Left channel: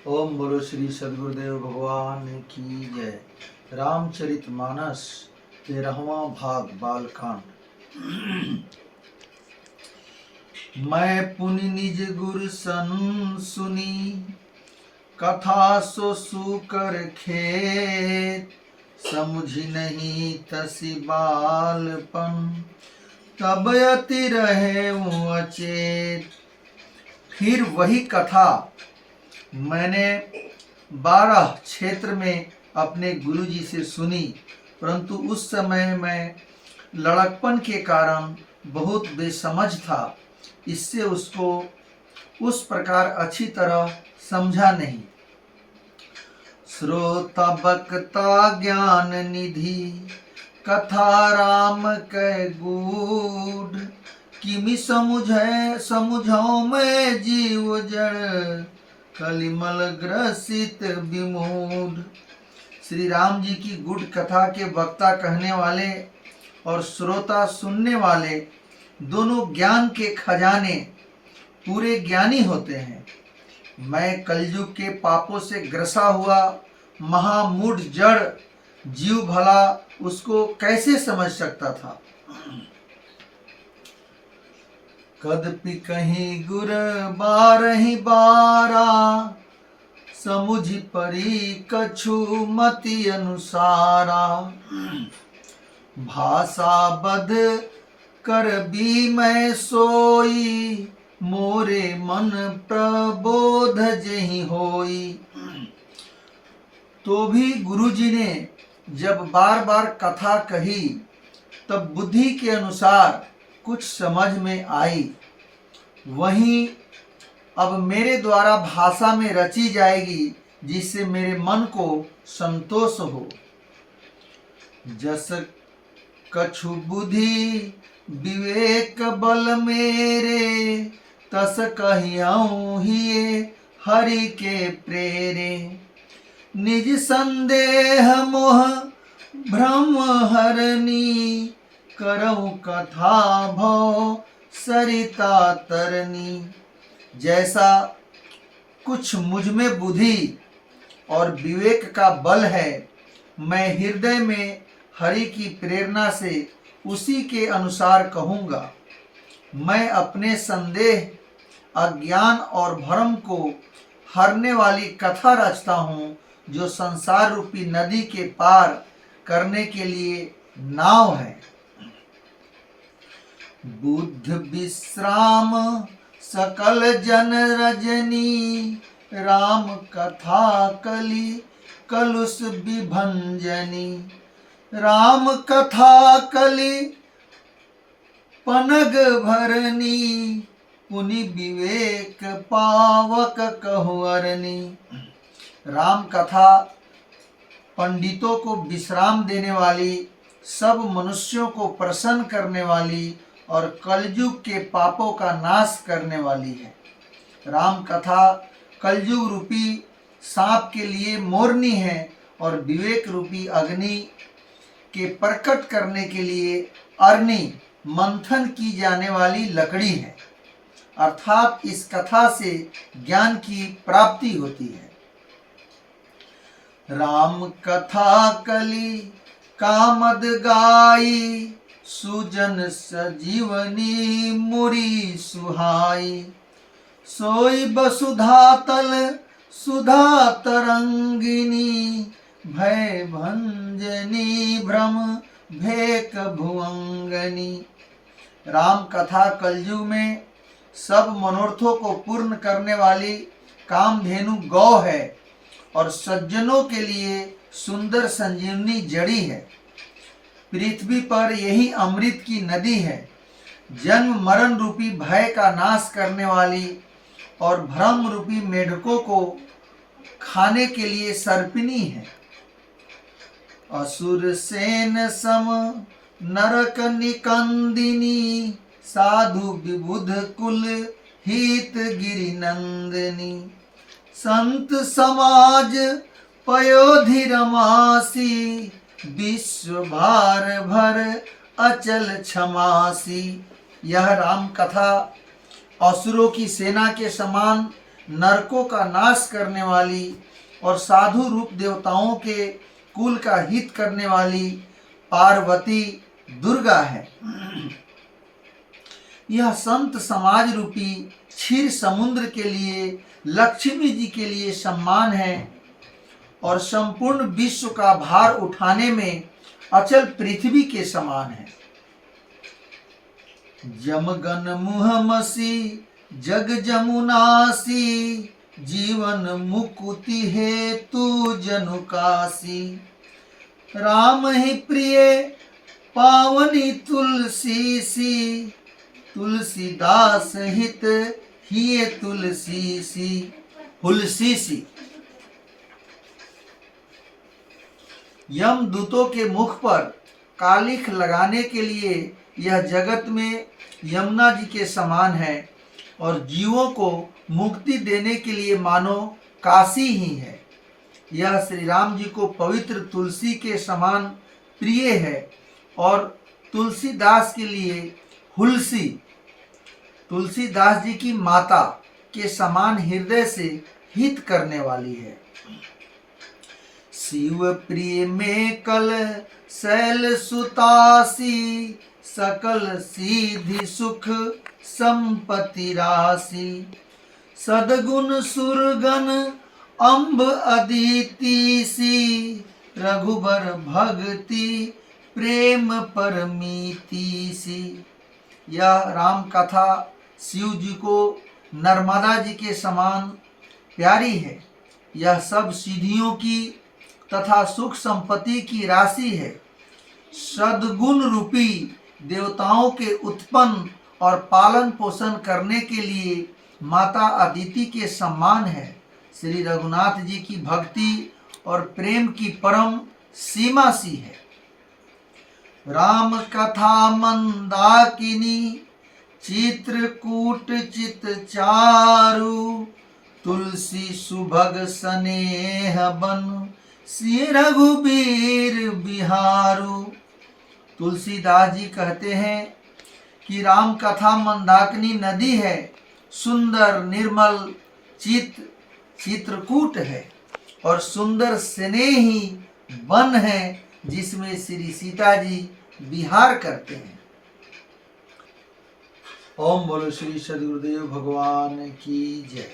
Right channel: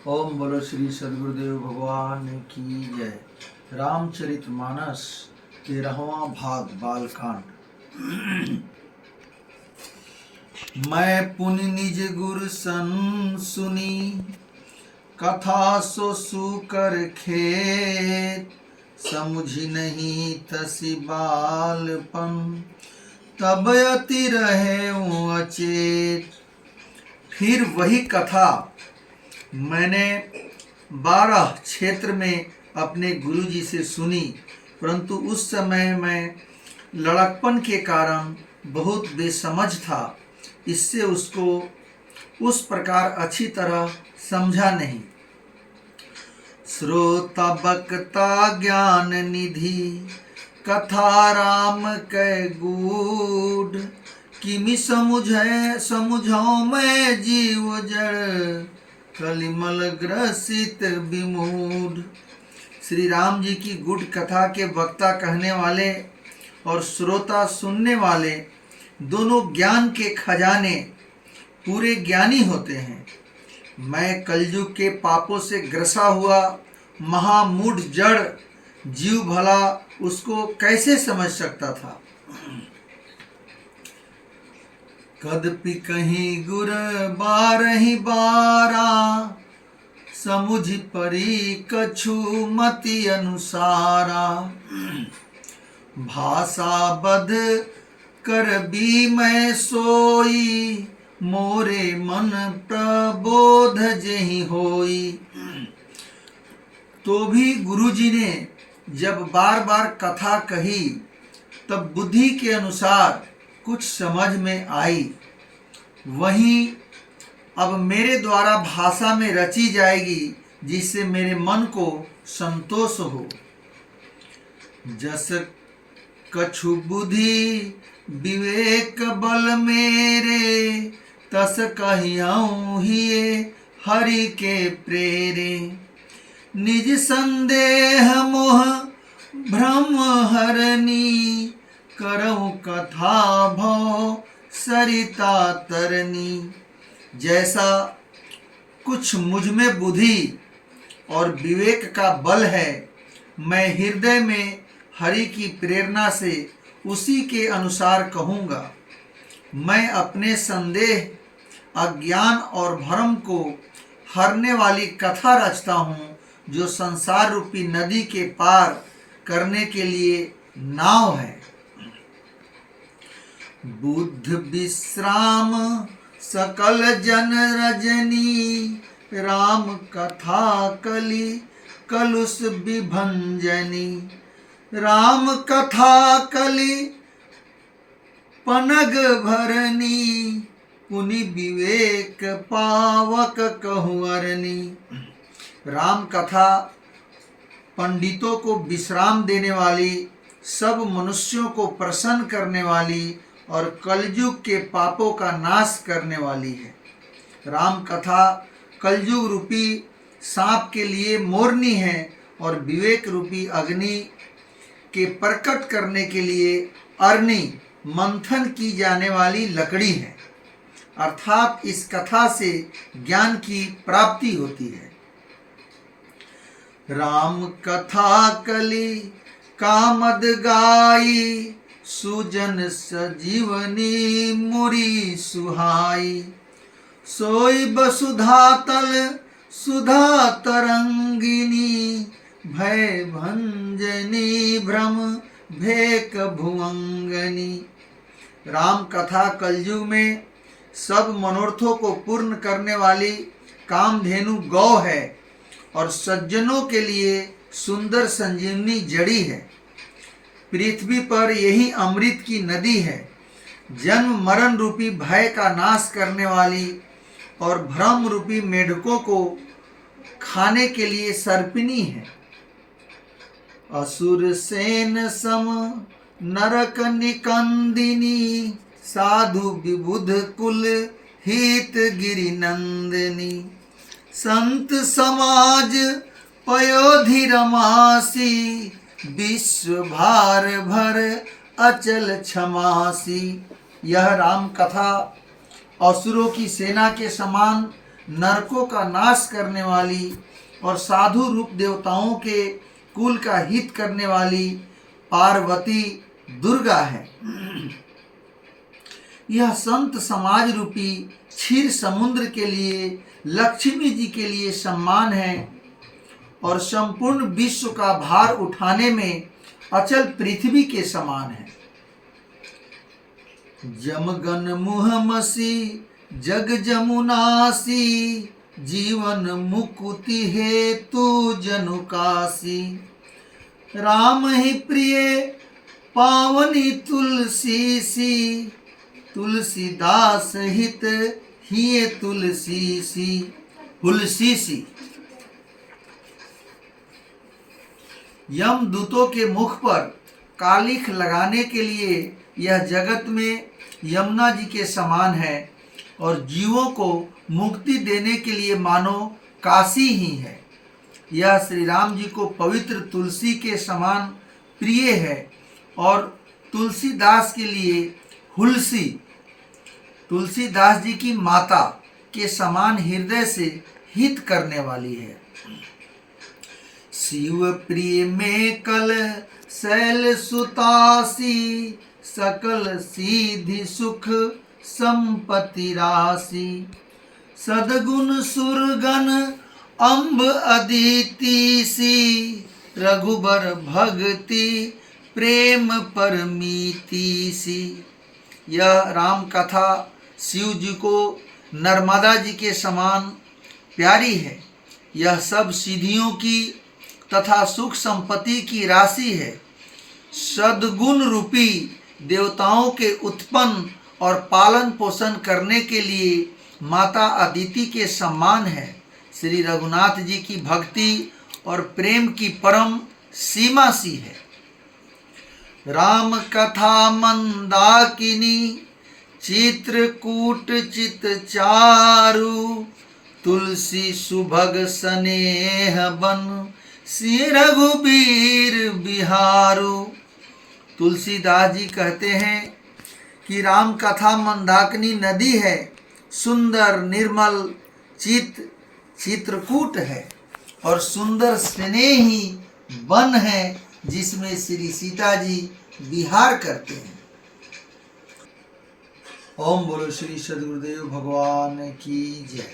ओम बोलो श्री सद्गुरुदेव भगवान की जय। रामचरितमानस 13वां भाग बालकांड। मैं पुनि निज गुर सन सुनी, कथा सो सुकर खेत। समुझी नहीं तसी बालपन, तब अति रहे अचेत। फिर वही कथा मैंने 12 क्षेत्र में अपने गुरुजी से सुनी, परंतु उस समय मैं लड़कपन के कारण बहुत बेसमझ था, इससे उसको उस प्रकार अच्छी तरह समझा नहीं। श्रोता बक्ता ज्ञान निधि, कथा राम कै गूढ़। किमि समुझौ मैं जीव जड़, कलिमल ग्रसित विमूढ़। श्री राम जी की गुढ़ कथा के वक्ता कहने वाले और श्रोता सुनने वाले दोनों ज्ञान के खजाने पूरे ज्ञानी होते हैं। मैं कलयुग के पापों से ग्रसा हुआ महामूढ़ जड़ जीव भला उसको कैसे समझ सकता था। कदपि कहीं गुर बारहि बारा, समुझ परी कछु मति अनुसारा। भाषा बद कर भी मैं सोई, मोरे मन प्रबोध जहि होई। तो भी गुरुजी ने जब बार बार कथा कही तब बुद्धि के अनुसार कुछ समझ में आई। वहीं अब मेरे द्वारा भाषा में रची जाएगी, जिससे मेरे मन को संतोष हो। जस कछु बुद्धि विवेक बल मेरे, तस कहियऊँ हिये हरि के प्रेरे। निज संदेह मोह भ्रम हरनी, करऊँ कथा भव सरिता तरनी। जैसा कुछ मुझ में बुद्धि और विवेक का बल है, मैं हृदय में हरि की प्रेरणा से उसी के अनुसार कहूँगा। मैं अपने संदेह, अज्ञान और भ्रम को हरने वाली कथा रचता हूँ, जो संसार रूपी नदी के पार करने के लिए नाव है। बुद्ध विश्राम सकल जन रजनी, राम कथा कलि कलुष विभंजनी। राम कथा कलि पनग भरनी, पुनि विवेक पावक कहूअरनी। राम कथा पंडितों को विश्राम देने वाली, सब मनुष्यों को प्रसन्न करने वाली और कलयुग के पापों का नाश करने वाली है। राम कथा कलयुग रूपी सांप के लिए मोरनी है और विवेक रूपी अग्नि के प्रकट करने के लिए अरनी, मंथन की जाने वाली लकड़ी है। अर्थात इस कथा से ज्ञान की प्राप्ति होती है। राम कथा कलि कामद गाई, सुजन सजीवनी मुरी सुहाई। सोई वसुधा तल सुधा तरंगिनी, भय भंजनी भ्रम भेक भुवंगनी। राम कथा कलयुग में सब मनोरथों को पूर्ण करने वाली कामधेनु गौ है और सज्जनों के लिए सुंदर संजीवनी जड़ी है। पृथ्वी पर यही अमृत की नदी है। जन्म मरण रूपी भय का नाश करने वाली और भ्रम रूपी मेढकों को खाने के लिए सर्पिनी है। असुर सेन सम नरक निकंदिनी, साधु विबुध कुल हित गिरि नंदिनी। संत समाज पयोधि रमासी, विश्व भार भर अचल क्षमासी। यह राम कथा असुरों की सेना के समान नरकों का नाश करने वाली और साधु रूप देवताओं के कुल का हित करने वाली पार्वती दुर्गा है। यह संत समाज रूपी क्षीर समुद्र के लिए लक्ष्मी जी के लिए सम्मान है और संपूर्ण विश्व का भार उठाने में अचल पृथ्वी के समान है। जमगन मुहमसी जग जमुनासी जीवन मुकुति हेतु जनुकासी राम ही प्रिय पावनी तुलसी सी तुलसीदास हित ही तुलसी सी हुलसी सी। यमदूतों के मुख पर कालिख लगाने के लिए यह जगत में यमुना जी के समान है और जीवों को मुक्ति देने के लिए मानो काशी ही है। यह श्री राम जी को पवित्र तुलसी के समान प्रिय है और तुलसीदास के लिए हुलसी तुलसीदास जी की माता के समान हृदय से हित करने वाली है। शिव प्रिय में कल शैल सुतासी सकल सीधि सुख संपत्ति राशि सदगुण सुरगन अम्ब अदिति सी रघुबर भक्ति प्रेम परमीति सी। यह राम कथा शिव जी को नर्मदा जी के समान प्यारी है। यह सब सिद्धियों की तथा सुख संपत्ति की राशि है। सद्गुण रूपी देवताओं के उत्पन्न और पालन पोषण करने के लिए माता अदिति के सम्मान है। श्री रघुनाथ जी की भक्ति और प्रेम की परम सीमा सी है। राम कथा मंदाकिनी चित्रकूट चित चारु तुलसी सुभग स्नेह बन श्री रघुबीर बिहारू। तुलसीदास जी कहते हैं कि राम कथा मंदाकिनी नदी है, सुंदर निर्मल चित्रकूट है और सुंदर स्नेही वन है जिसमें श्री सीता जी विहार करते हैं। ओम बोलो श्री सद्गुरुदेव भगवान की जय।